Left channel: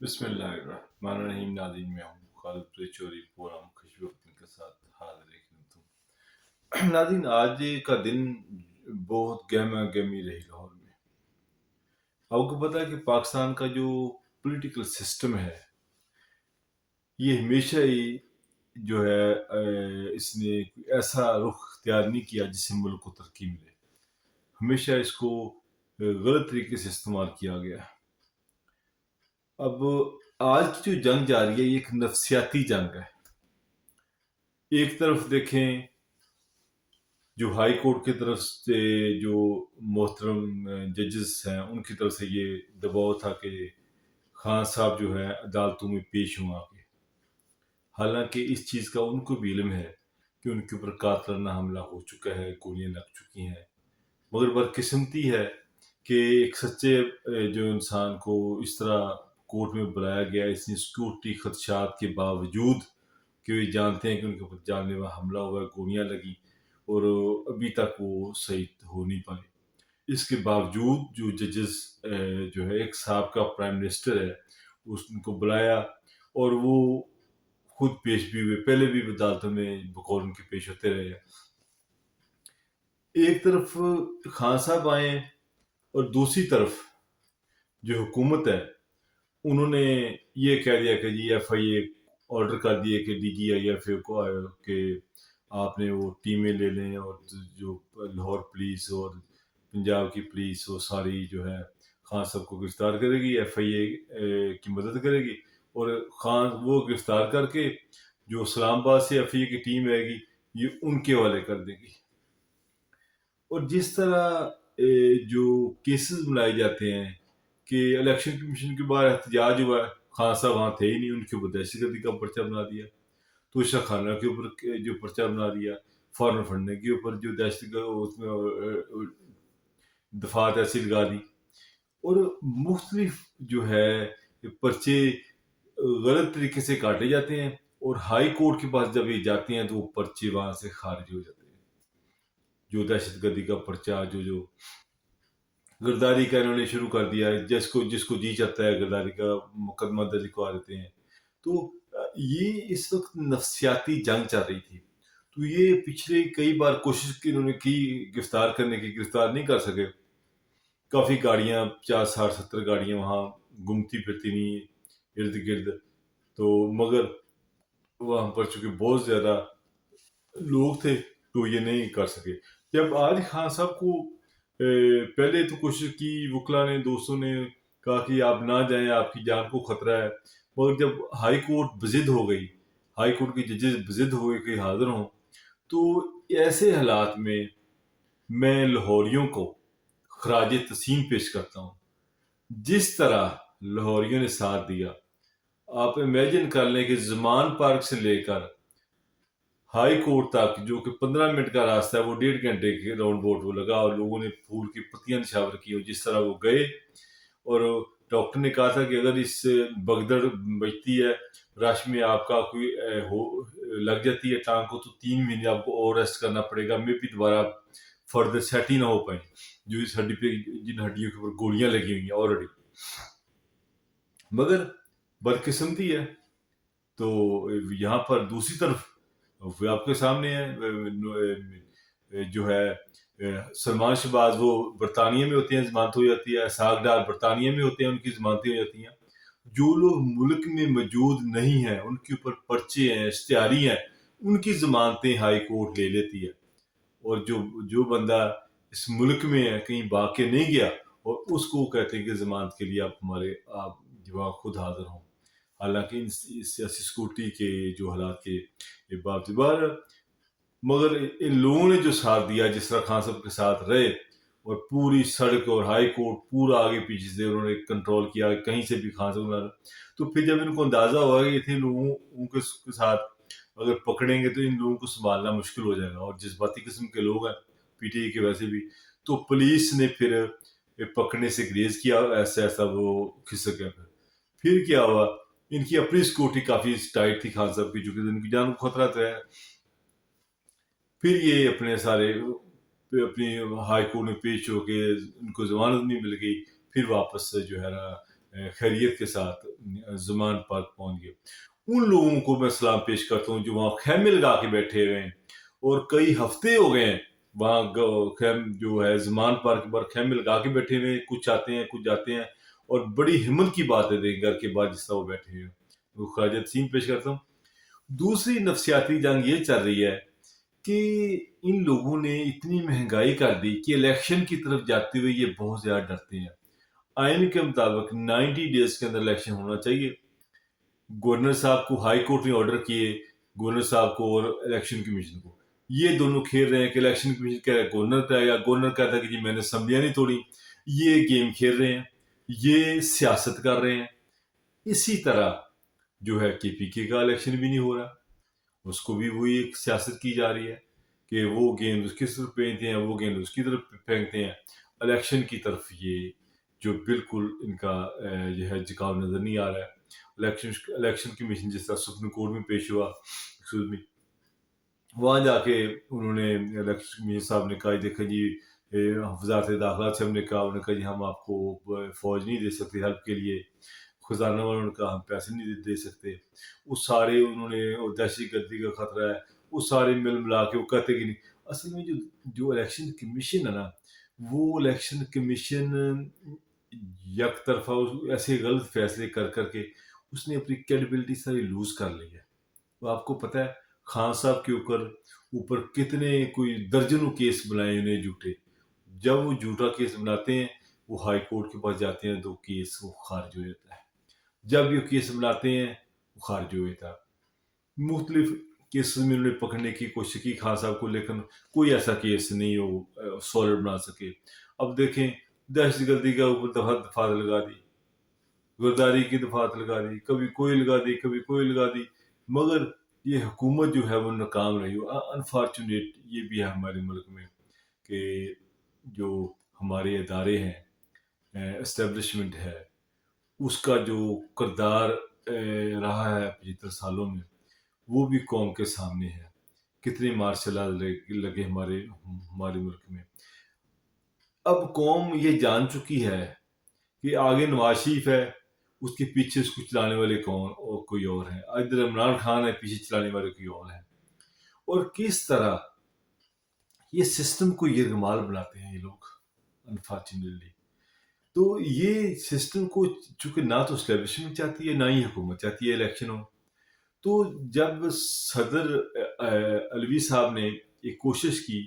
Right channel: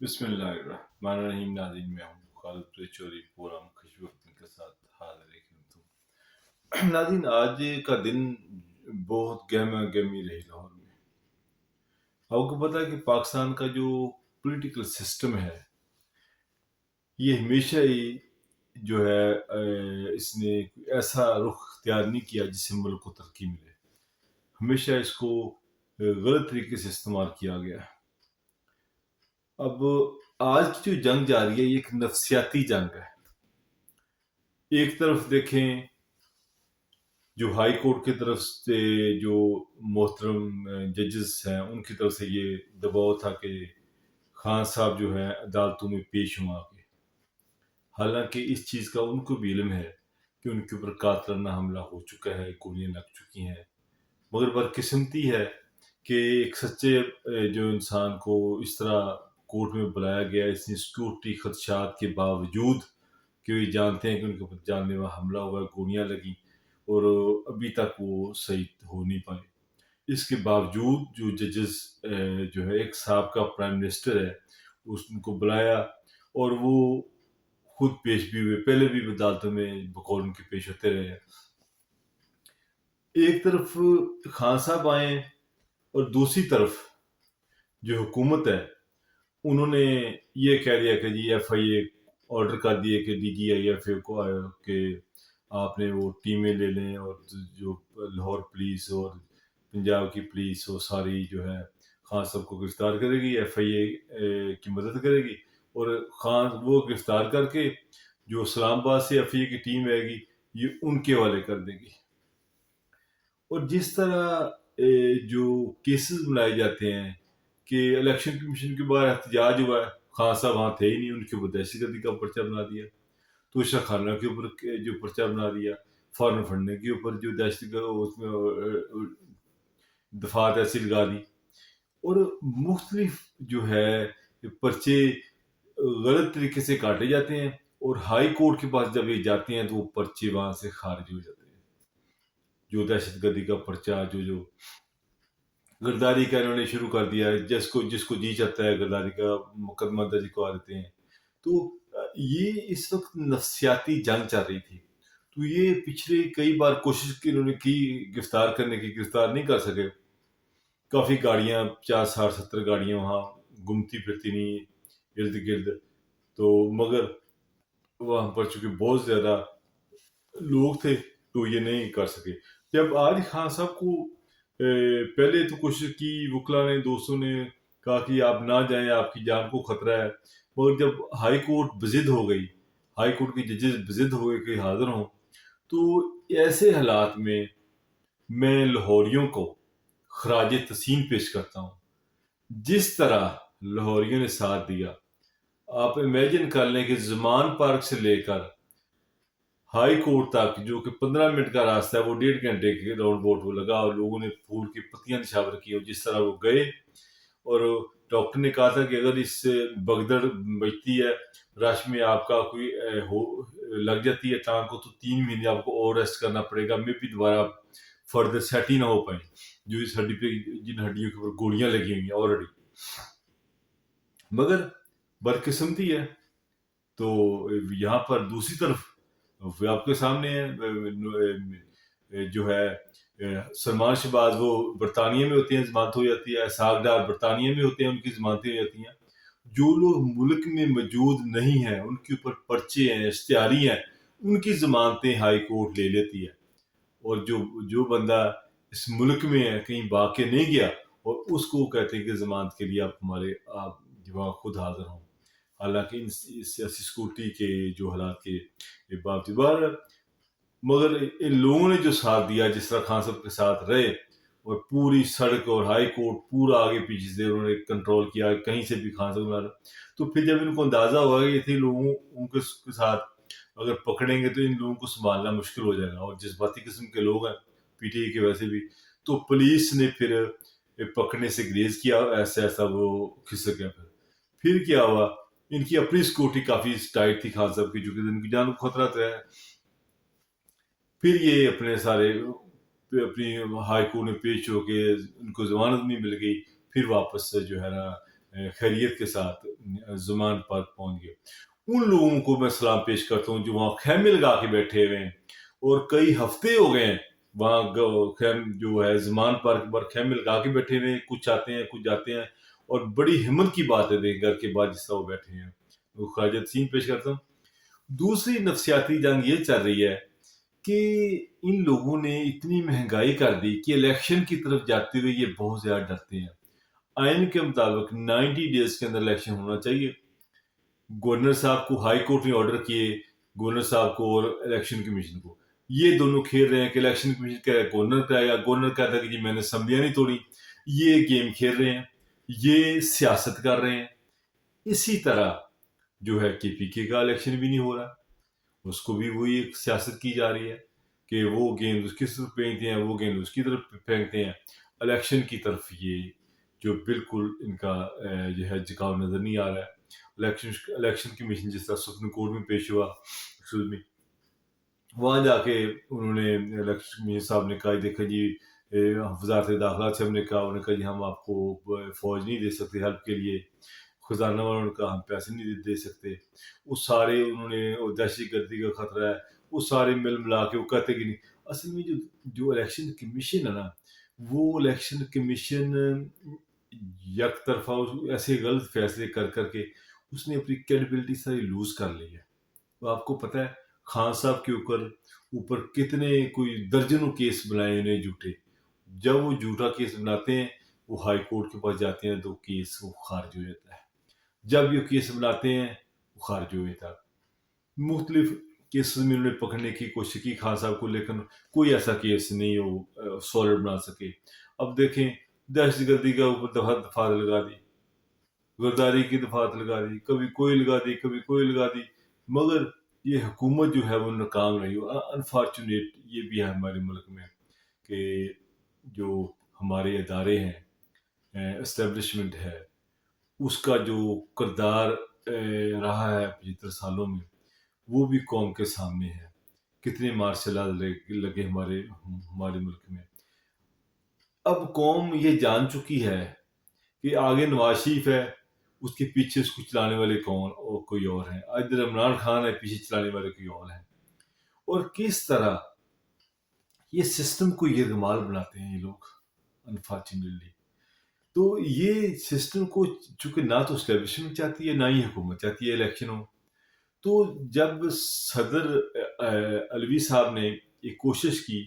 بسم اللہ الرحمن الرحیم ناظرین، میں ہوں خالد چوری پورا خوش وقت کے ساتھ حاضر خدمت ناظرین، آج کا دن بہت گہما گہمی رہی لاہور میں. آپ کو پتا ہے کہ پاکستان کا جو پولیٹیکل سسٹم ہے یہ ہمیشہ ہی جو ہے اس نے ایسا رخ اختیار نہیں کیا جس سے ملک کو ترقی ملے. ہمیشہ اس کو غلط طریقے سے استعمال کیا گیا. اب آج کی جو جنگ جاری ہے یہ ایک نفسیاتی جنگ ہے. ایک طرف دیکھیں جو ہائی کورٹ کی طرف سے جو محترم ججز ہیں ان کی طرف سے یہ دباؤ تھا کہ خان صاحب جو ہیں عدالتوں میں پیش ہوں آ کے. حالانکہ اس چیز کا ان کو بھی علم ہے کہ ان کے اوپر قاتلانہ حملہ ہو چکا ہے، گولیاں لگ چکی ہیں، مگر بدقسمتی ہے کہ ایک سچے جو انسان کو اس طرح کورٹ میں بلایا گیا اس نے سیکورٹی خدشات کے باوجود کہ وہ جانتے ہیں کہ ان کے اوپر جان لیوا حملہ ہوا ہے، گولیاں لگی اور ابھی تک وہ صحیح ہو نہیں پائے. اس کے باوجود جو ججز جو ہے ایک سابقہ پرائم منسٹر ہے اس ان کو بلایا اور وہ خود پیش بھی ہوئے، پہلے بھی عدالتوں میں بقول ان کے پیش ہوتے رہے. ایک طرف خان صاحب آئے اور دوسری طرف جو حکومت ہے انہوں نے یہ کہہ دیا کہ جی ایف آئی اے آرڈر کر دیے کہ D G I F A کو کہ آپ نے وہ ٹیمیں لے لیں اور جو لاہور پولیس اور پنجاب کی پولیس وہ ساری جو ہے خان صاحب کو گرفتار کرے گی، ایف آئی اے کی مدد کرے گی اور خان وہ گرفتار کر کے جو اسلام آباد سے ایف آئی اے کی ٹیم رہے گی یہ ان کے حوالے کر دے گی. اور جس طرح جو کیسز بنائے جاتے ہیں کہ الیکشن کمیشن کے باہر احتجاج ہوا ہے، خان صاحب وہاں تھے ہی نہیں، ان کے اوپر دہشت گردی کا پرچہ بنا دیا، توشہ خانہ کے اوپر جو پرچہ بنا دیا، فارن فنڈنگ کے اوپر جو دہشت اس میں دفعات ایسی لگا دی اور مختلف جو ہے پرچے غلط طریقے سے کاٹے جاتے ہیں اور ہائی کورٹ کے پاس جب یہ جاتے ہیں تو وہ پرچے وہاں سے خارج ہو جاتے ہیں. جو دہشت گردی کا پرچہ جو گرداری کا انہوں نے شروع کر دیا ہے، جس کو جی چاہتا ہے گرداری کا مقدمہ درج کروا دیتے ہیں. تو یہ اس وقت نفسیاتی جنگ چل رہی تھی. تو یہ پچھلے کئی بار کوشش کی انہوں نے کی گرفتار کرنے کی، گرفتار نہیں کر سکے. کافی گاڑیاں 50 60 70 گاڑیاں وہاں گھومتی پھرتی نہیں ارد گرد، تو مگر وہاں پر چونکہ بہت زیادہ لوگ تھے تو یہ نہیں کر سکے. جب آج خان صاحب کو پہلے تو کوشش کی، وکلا نے دوستوں نے کہا کہ آپ نہ جائیں، آپ کی جان کو خطرہ ہے، مگر جب ہائی کورٹ بضد ہو گئی، ہائی کورٹ کے ججز بضد ہو گئے کہ حاضر ہوں، تو ایسے حالات میں لاہوریوں کو خراج تحسین پیش کرتا ہوں. جس طرح لاہوریوں نے ساتھ دیا، آپ امیجن کر لیں کہ زمان پارک سے لے کر ہائی کورٹ تک جو کہ 15 منٹ کا راستہ ہے وہ 1.5 گھنٹے کے راؤنڈ بوٹ وہ لگا اور لوگوں نے پھول کی پتیاں نشاور کی اور جس طرح وہ گئے. اور ڈاکٹر نے کہا تھا کہ اگر اس سے بگدڑ بچتی ہے، رش میں آپ کا کوئی لگ جاتی ہے ٹانگ کو، تو 3 مہینے آپ کو اور ریسٹ کرنا پڑے گا، میں بھی دوبارہ فردر سیٹ ہی نہ ہو پائیں جو اس ہڈی پہ جن ہڈیوں کے اوپر گولیاں لگی ہوئی ہیں آلریڈی. مگر بدقسمتی ہے تو یہاں پر دوسری طرف آپ کے سامنے ہے جو ہے سلمان شہباز، وہ برطانیہ میں ہوتے ہیں، ضمانت ہو جاتی ہے. اسحاق ڈار برطانیہ میں ہوتے ہیں، ان کی ضمانتیں ہو جاتی ہیں. جو لوگ ملک میں موجود نہیں ہیں ان کے اوپر پرچے ہیں، اشتہاری ہیں، ان کی ضمانتیں ہائی کورٹ لے لیتی ہے. اور جو بندہ اس ملک میں ہے، کہیں بھاگ کے نہیں گیا، اور اس کو کہتے ہیں کہ ضمانت کے لیے آپ وہاں خود حاضر ہوں. حالانکہ ان سیاسی سیکورٹی کے جو حالات کے باوجود مگر ان لوگوں نے جو ساتھ دیا، جس طرح خان صاحب کے ساتھ رہے اور پوری سڑک اور ہائی کورٹ پورا آگے پیچھے سے انہوں نے کنٹرول کیا، کہیں سے بھی خان صاحب نہ، تو پھر جب ان کو اندازہ ہوا کہ اتنے لوگوں ان کے ساتھ اگر پکڑیں گے تو ان لوگوں کو سنبھالنا مشکل ہو جائے گا، اور جذباتی قسم کے لوگ ہیں پی ٹی آئی کے ویسے بھی، تو پولیس نے پھر پکڑنے سے گریز کیا، ایسا وہ کھسک گیا. پھر کیا ہوا، ان کی اپنی سیکورٹی کافی ٹائٹ تھی خان صاحب کی، جو کہ ان کی جان کو خطرہ ہے. پھر یہ اپنے سارے اپنی ہائی کورٹ میں پیش ہو کے ان کو ضمانت نہیں مل گئی، پھر واپس جو ہے نا خیریت کے ساتھ زمان پارک پہنچ گئے. ان لوگوں کو میں سلام پیش کرتا ہوں جو وہاں خیمے لگا کے بیٹھے ہوئے ہیں اور کئی ہفتے ہو گئے ہیں وہاں جو ہے زمان پارک پر خیمے لگا کے بیٹھے ہوئے ہیں. کچھ آتے ہیں کچھ جاتے ہیں اور بڑی ہمت کی بات ہے دیکھ گھر کے بعد جس طرح وہ بیٹھے ہیں. وہ خراج تحسین پیش کرتا ہوں. دوسری نفسیاتی جنگ یہ چل رہی ہے کہ ان لوگوں نے اتنی مہنگائی کر دی کہ الیکشن کی طرف جاتے ہوئے یہ بہت زیادہ ڈرتے ہیں. آئین کے مطابق 90 ڈیز کے اندر الیکشن ہونا چاہیے. گورنر صاحب کو ہائی کورٹ نے آرڈر کیے, گورنر صاحب کو اور الیکشن کمیشن کو. یہ دونوں کھیل رہے ہیں کہ الیکشن کمیشن کہہ رہا ہے گورنر کا ہے, یا گورنر کہتا ہے کہ جی میں نے اسمبلیاں نہیں توڑی. یہ گیم کھیل رہے ہیں, یہ سیاست کر رہے ہیں. اسی طرح جو ہے کے پی کے کا الیکشن بھی نہیں ہو رہا, اس کو بھی وہی ایک سیاست کی جا رہی ہے کہ وہ گیند اس کی طرف پھینکتے ہیں, وہ گیند اس کی طرف پھینکتے ہیں. الیکشن کی طرف یہ جو بالکل ان کا جو ہے جھکاؤ نظر نہیں آ رہا ہے. الیکشن کمیشن جس طرح سپریم کورٹ میں پیش ہوا, وہاں جا کے انہوں نے الیکشن کمیشن صاحب نے کہا دیکھا جی وزارت داخلہ سے ہم نے کہا, انہوں نے کہا جی ہم آپ کو فوج نہیں دے سکتے ہیلپ کے لیے. خزانہ والوں نے کہا ہم پیسے نہیں دے سکتے. وہ سارے انہوں نے دہشت گردی کا خطرہ ہے, وہ سارے مل ملا کے وہ کہتے کہ نہیں. اصل میں جو الیکشن کمیشن ہے نا, وہ الیکشن کمیشن یک طرفہ ایسے غلط فیصلے کر کے اس نے اپنی کریڈیبلٹی ساری لوز کر لی ہے. تو آپ کو پتہ ہے خان صاحب کے اوپر کتنے کوئی درجنوں کیس بنائے انہیں جھوٹے. جب وہ جھوٹا کیس بناتے ہیں وہ ہائی کورٹ کے پاس جاتے ہیں تو کیس وہ خارج ہو جاتا ہے. جب یہ کیس بناتے ہیں وہ خارج ہو جاتا ہے. مختلف کیسز میں انہوں نے پکڑنے کی کوشش کی خان صاحب کو, لیکن کوئی ایسا کیس نہیں وہ سالڈ بنا سکے. اب دیکھیں دہشت گردی کا اوپر دفعہ لگا دی, غداری کی دفعات لگا دی, کبھی کوئی لگا دی کبھی کوئی لگا دی, مگر یہ حکومت جو ہے وہ ناکام رہی. انفارچونیٹ یہ بھی ہے ہمارے ملک میں کہ جو ہمارے ادارے ہیں, اسٹیبلشمنٹ ہے, اس کا جو کردار رہا ہے 75 سالوں میں وہ بھی قوم کے سامنے ہے. کتنے مارشل آرٹ لگے ہمارے ملک میں. اب قوم یہ جان چکی ہے کہ آگے نواز شریف ہے, اس کے پیچھے اس کو چلانے والے کون اور کوئی اور ہیں. ادھر عمران خان ہے, پیچھے چلانے والے کوئی اور ہیں. اور کس طرح یہ سسٹم کو یرغمال بناتے ہیں یہ لوگ انفارچونیٹلی. تو یہ سسٹم کو چونکہ نہ تو اسٹیبلشمنٹ چاہتی ہے نہ ہی حکومت چاہتی ہے الیکشن ہو. تو جب صدر علوی صاحب نے ایک کوشش کی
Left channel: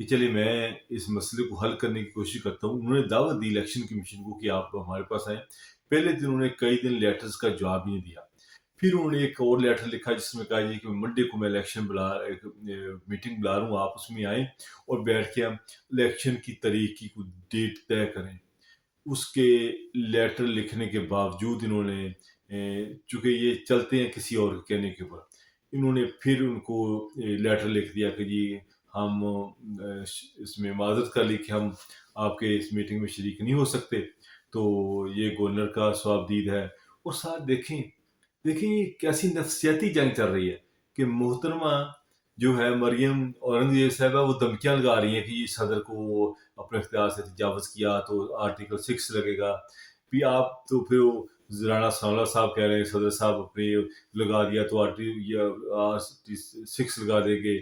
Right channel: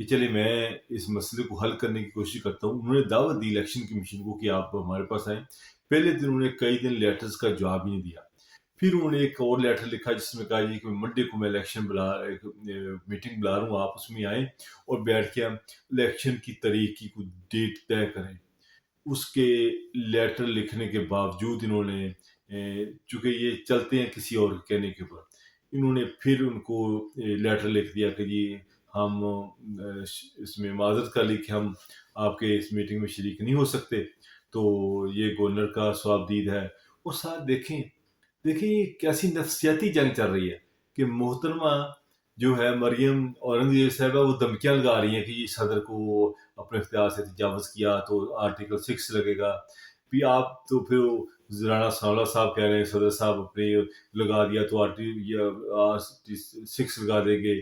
کہ چلے میں اس مسئلے کو حل کرنے کی کوشش کرتا ہوں, انہوں نے دعوت دی الیکشن کمیشن کو کہ آپ ہمارے پاس آئیں. پہلے دن انہوں نے کئی دن لیٹرز کا جواب ہی نہیں دیا. پھر انہوں نے ایک اور لیٹر لکھا جس میں کہا جی کہ منڈے کو میں الیکشن میٹنگ بلا رہا ہوں, آپ اس میں آئیں اور بیٹھ کے ہم الیکشن کی تاریخ کی کوئی ڈیٹ طے کریں. اس کے لیٹر لکھنے کے باوجود انہوں نے چونکہ یہ چلتے ہیں کسی اور کے کہنے کے اوپر, انہوں نے پھر ان کو لیٹر لکھ دیا کہ جی ہم اس میں معذرت کر لی کہ ہم آپ کے اس میٹنگ میں شریک نہیں ہو سکتے. تو یہ گورنر کا ثواب دید ہے. اور ساتھ دیکھیں کیسی نفسیاتی جنگ چل رہی ہے کہ محترمہ جو ہے مریم اورنگزیب صاحبہ وہ دھمکیاں لگا رہی ہیں کہ یہ صدر کو اپنے اختیار سے تجاوز کیا تو آرٹیکل 6 لگے گا. بھی آپ تو پھر رانا ثناءاللہ صاحب کہہ رہے ہیں صدر صاحب اپنے لگا دیا تو آرٹیکل 6 لگا دیں گے.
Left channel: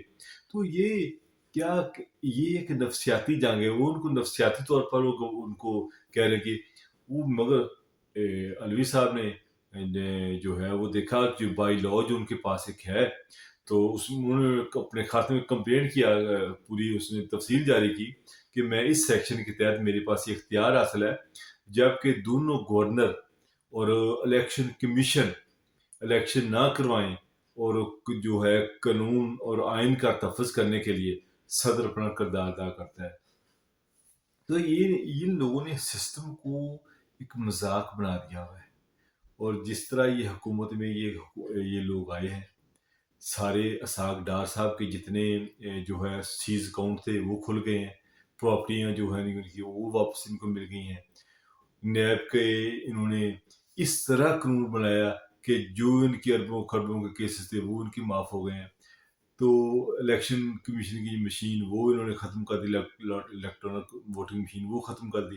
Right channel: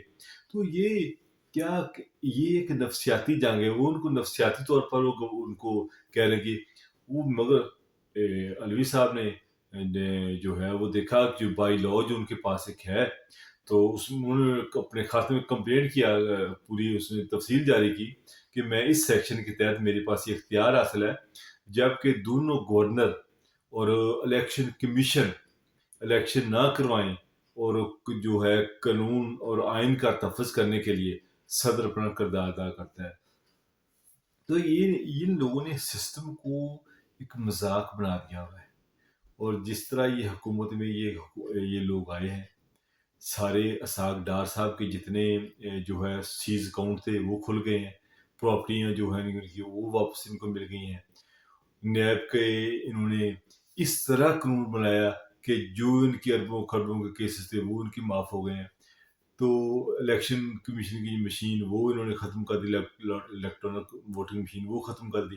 تو یہ ایک نفسیاتی جنگ ہے. وہ ان کو نفسیاتی طور پر ان کو کہہ رہے کہ وہ, مگر علوی صاحب نے جو ہے وہ دیکھا کہ بائی لا جو ان کے پاس ایک ہے تو انہوں نے اپنے خاتمے میں کمپلینٹ کیا, پوری اس نے تفصیل جاری کی کہ میں اس سیکشن کے تحت میرے پاس یہ اختیار حاصل ہے, جبکہ دونوں گورنر اور الیکشن کمیشن الیکشن نہ کروائیں اور جو ہے قانون اور آئین کا تحفظ کرنے کے لیے صدر اپنا کردار ادا کرتا ہے. تو ان لوگوں نے سسٹم کو ایک مذاق بنا دیا ہوا ہے. اور جس طرح یہ حکومت میں یہ لوگ آئے ہیں, سارے اسحاق ڈار صاحب کے جتنے جو ہے سیز اکاؤنٹ تھے وہ کھل گئے ہیں, پراپرٹیاں جو ہیں ان کی وہ واپس ان کو مل گئی ہیں. نیب کے انہوں نے اس طرح قانون بنایا کہ جو ان کے اربوں خربوں کے کیسز تھے وہ ان کی معاف ہو گئے ہیں. تو الیکشن کمیشن کی مشین وہ انہوں نے ختم کر دی, الیکٹرانک ووٹنگ مشین وہ ختم کر دی.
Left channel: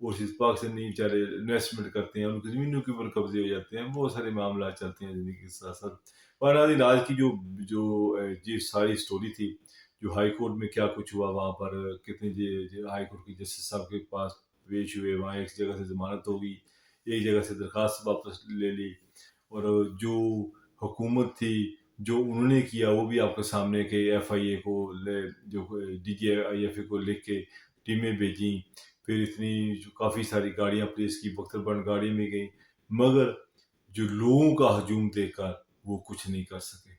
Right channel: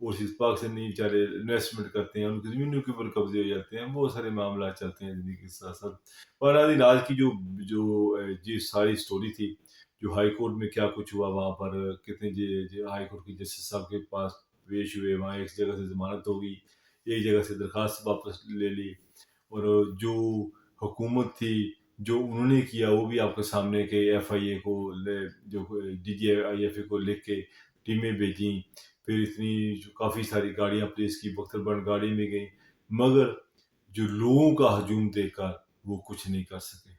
اوورسیز پاکستانی بیچارے انویسٹمنٹ کرتے ہیں، ان کی زمینوں کے اوپر قبضے ہو جاتے ہیں، بہت سارے معاملات چلتے ہیں زندگی کے ساتھ ساتھ۔ بہرحال آج کی جو ساری اسٹوری تھی، جو ہائی کورٹ میں کیا کچھ ہوا وہاں پر، کتنے ہائی کورٹ کے جسٹس صاحب کے پاس پیش ہوئے، وہاں ایک جگہ سے ضمانت ہو گئی، ایک جگہ سے درخواست واپس لے لی، اور جو حکومت تھی جو انہوں نے کیا وہ بھی آپ کے سامنے، کہ ایف آئی اے کو جو D G I F A کو لکھ کے ٹیمیں بھیجیں، پھر اتنی جو کافی ساری گاڑیاں پولیس کی بختر بند گاڑی میں گئیں، مگر جو لوگوں کا ہجوم دیکھ کر وہ کچھ نہیں کر سکے۔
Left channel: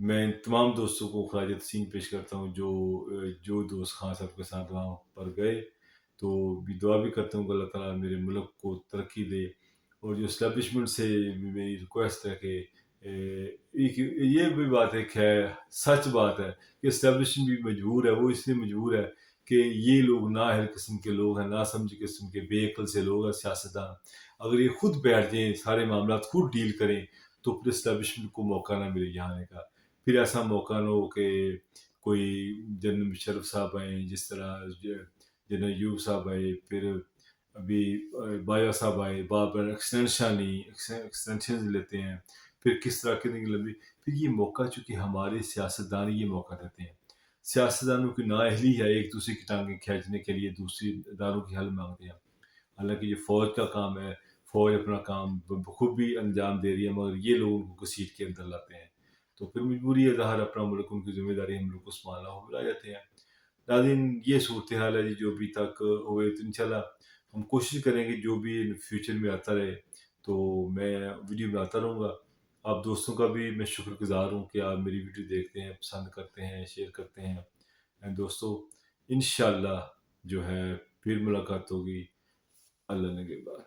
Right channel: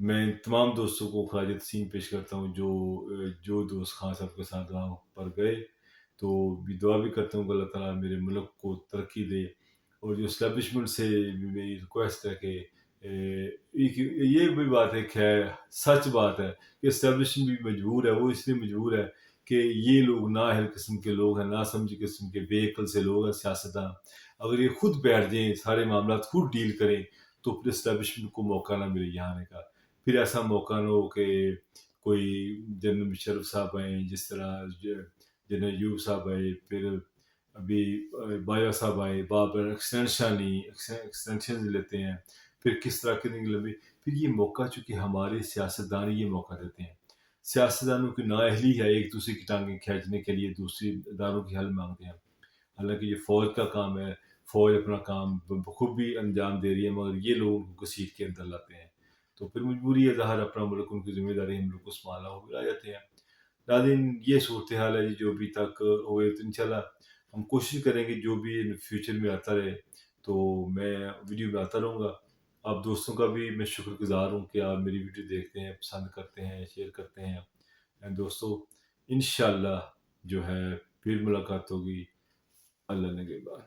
میں تمام دوستوں کو خراج تحسین پیش کرتا ہوں جو دوست خان صاحب کے ساتھ وہاں پر گئے، تو بھی دعا بھی کرتا ہوں کہ اللہ تعالیٰ میرے ملک کو ترقی دے، اور جو اسٹیبلشمنٹ سے بھی میری ریکویسٹ ہے کہ یہ بھی بات ہے، خیر سچ بات ہے کہ اسٹیبلشمنٹ بھی مجبور ہے، وہ اس لیے مجبور ہے کہ یہ لوگ نااہل قسم کے لوگ ہیں، ناسمجھ قسم کے بے عقل سے لوگ ہیں سیاستدان۔ اگر یہ خود بیٹھ جائیں، سارے معاملات خود ڈیل کریں، تو پھر اسٹیبلشمنٹ کو موقع نہ ملے یہاں آنے کا۔ پھر ایسا موقع نہ ہو کہ کوئی جنرل مشرف صاحب آئیں، جس طرح جنرل ایوب صاحب آئے، پھر ابھی بایا صاحب آئے، بار ایکسٹینشن لیتے ہیں، پھر کس طرح کے لمبے، پھر یہ موقع چونکہ ہمارے سیاستدان یہ موقع دیتے ہیں، سیاستدانوں کی نااہلی ہے ایک دوسرے کی ٹانگیں کھینچنے کے لیے دوسری اداروں کی حل مانگتے ہیں، حالانکہ یہ فوج کا کام ہے، فوج اپنا کام بخوبی انجام دے رہی ہے، مگر یہ لوگ ان کو گھسیٹ کے اندر لاتے ہیں، تو پھر مجبوری ہے ظاہر اپنا ملک، ان کی ذمہ داری ہم لوگ کو سنبھالنا ہو، بلا جاتے ہیں۔ ناظرین یہ صورتحال ہے جی جو ابھی تک ہوئے، تو انشاءاللہ ہم کوشش کریں گے جو بھی فیوچر میں آتا رہے تو میں ویڈیو بناتا رہوں گا۔ آپ دوستوں کا بھی میں شکر گزار ہوں کہ آپ میری ویڈیو دیکھتے ہیں، پسند کرتے ہیں، شیئر کرتے ہیں۔ دوستوں انشاءاللہ جو ہے پھر ملاقات ہوگی، اللہ نگہبان۔